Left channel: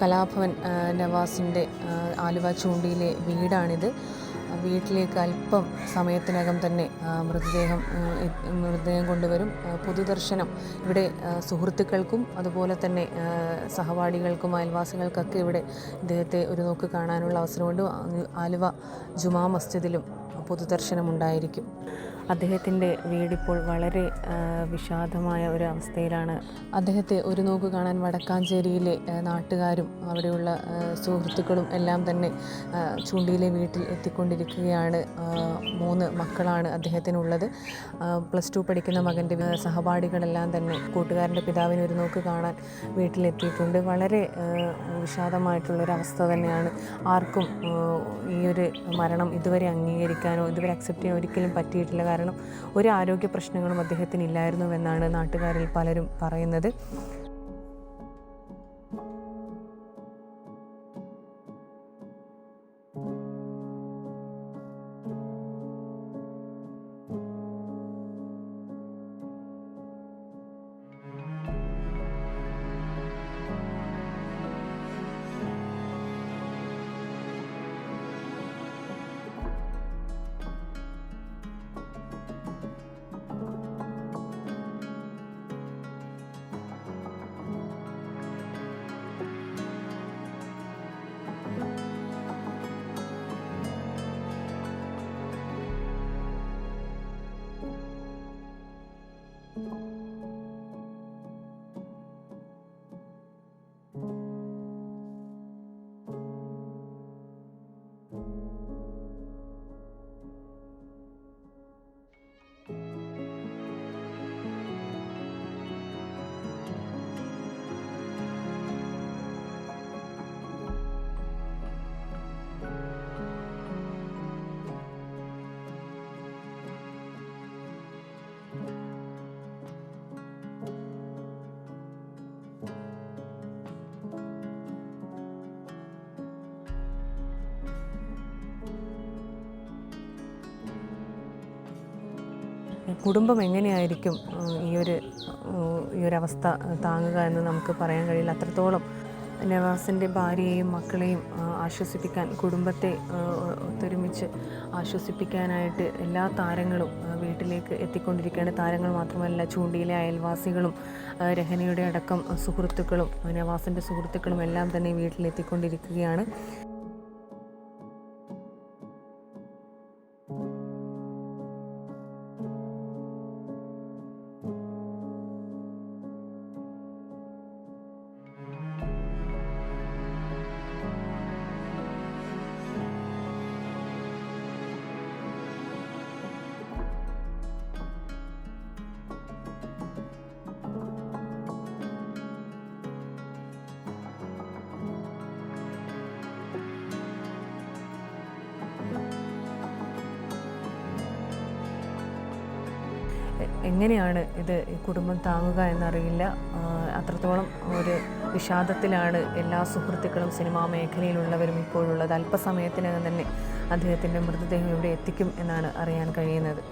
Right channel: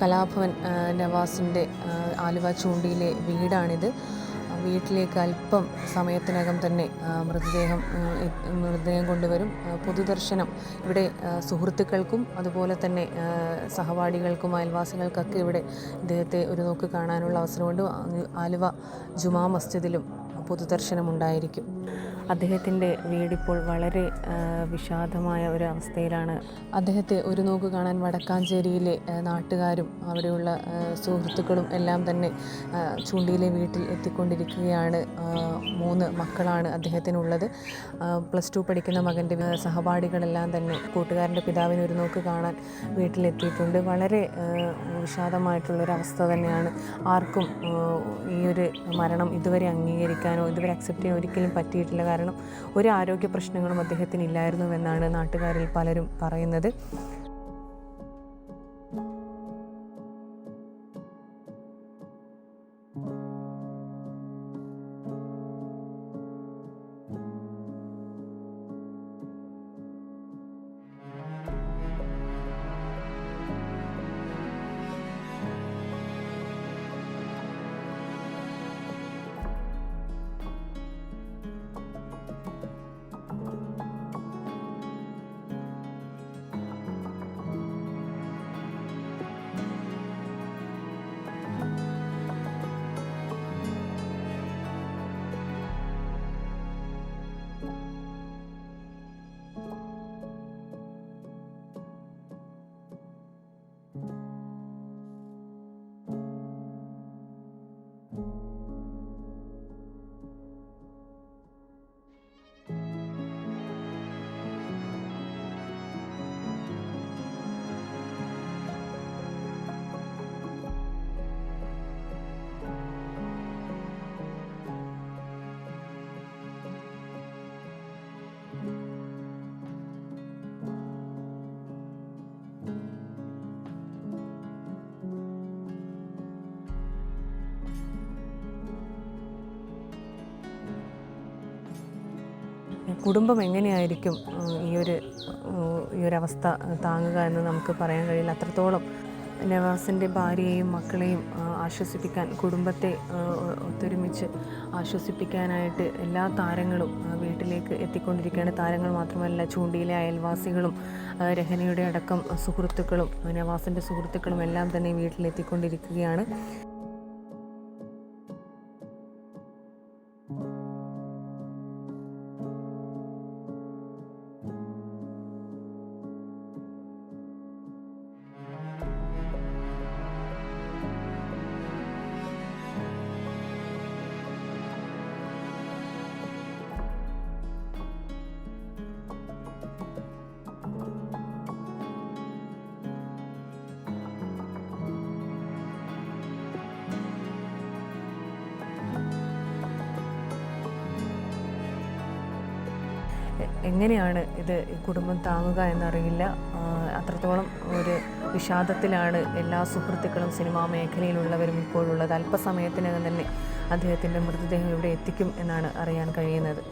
കലാഭവൻ നവാസിൻ്റെ ആലുവ ചൂണ്ടിയിലെ വീടാണിത്. വീട്ടിലേക്ക് അല്പം സമയത്തിനകം തന്നെ മൃതദേഹം കൊണ്ടുവരും. പൊതുദർശനം ഇവിടെ സുഹൃത്തുക്കൾക്കും അതുപോലെ തന്നെ സഹപാഠികൾക്കും അയൽവാസികൾക്കൊക്കെ ഇവിടെ ഇദ്ദേഹത്തെ ഒരു നോക്ക് കാണാനുള്ള അവസരമുണ്ട്. ആലുവ ജുമാ മസ്ജിദിലും പൊതുദർശനമുണ്ടായിരിക്കും. അദ്ദേഹത്തിൻ്റെ വീടിപ്പോൾ വളരെ വിഷാദമായ ഒരു അവസ്ഥയിലാണ്. അദ്ദേഹത്തെ ഒരു നോക്ക് കാണാൻ വടക്കാഞ്ചേരിയിലെ നാട്ടുകാരും അവിടെയുള്ള സുഹൃത്തുക്കളും എല്ലാം തന്നെ ചൂണ്ടിയിലെ വീട്ടിൽ എത്തിക്കൊണ്ടിരിക്കുകയാണ്. 3 മക്കളാണ് അദ്ദേഹത്തിനുള്ളത്. +2 പഠിക്കുന്ന മകൻ്റെ സഹപാഠികളെല്ലാം തന്നെ കൂട്ടുകാരൻ്റെ പിതാവിനെ ഒരു നോക്ക് കാണാൻ വീട്ടിലെത്തിയിട്ടുണ്ട്. വളരെ വിഷാദമായിട്ടുള്ളൊരവസ്ഥ തന്നെയാണ്. ആർക്കും ഈ ഒരു മരണം ഇതുവരെ അംഗീകരിക്കാനോ ഇതുവരെ അക്സെപ്റ്റ് ചെയ്യാൻ ഒരിക്കലും പറ്റിയിട്ടില്ല. കാരണം ഒരു ആരോഗ്യ പ്രശ്നങ്ങളും അദ്ദേഹത്തിന് ഇല്ലായിരുന്നുവെന്നാണ് നാട്ടുകാരിൽ പലരും പറയുന്നത്. കുടുംബം എങ്ങനെയായിരിക്കും ഈ ഒരു അവസ്ഥ താങ്ങുക എന്ന് നമുക്ക് പറയാൻ കഴിയില്ല. അത്രത്തോളം നവാസിൻ്റെ ഭാര്യയെയും മക്കളെയും ആശ്വസിപ്പിക്കാൻ, കുടുംബത്തെ ഒത്തൊരുമിച്ച് ആശ്വസിപ്പിക്കാനായിട്ട് എല്ലാ താരങ്ങളും വീട്ടിലേക്ക് എത്തിക്കൊണ്ടിരിക്കുകയാണ്. താരങ്ങൾ മാത്രമല്ല, ചൂണ്ടിയിലെ അയൽവാസികളും രഹനയുടെ അടക്കം സുഹൃത്തുക്കളും നവാസിൻ്റെ സുഹൃത്തുക്കളും എല്ലാം തന്നെ വീട്ടിലെത്തിക്കൊണ്ടിരിക്കുകയാണ്. എങ്ങനെയാണ് ഇത് കുടുംബം താങ്ങുക എന്നറിയില്ല. അത്രത്തോളം ഒരു വിഷാദത്തിലാണ് എല്ലാ സുഹൃത്തുക്കളും സിനിമാ മേഖലയിലുള്ളവരും ഇപ്പോഴുള്ളത്. അല്പസമയത്തിനകം തന്നെ അദ്ദേഹത്തിൻ്റെ മൃതദേഹം ഇവിടെ എത്തിക്കും എന്നാണ് അറിയാൻ കഴിയുന്നത്.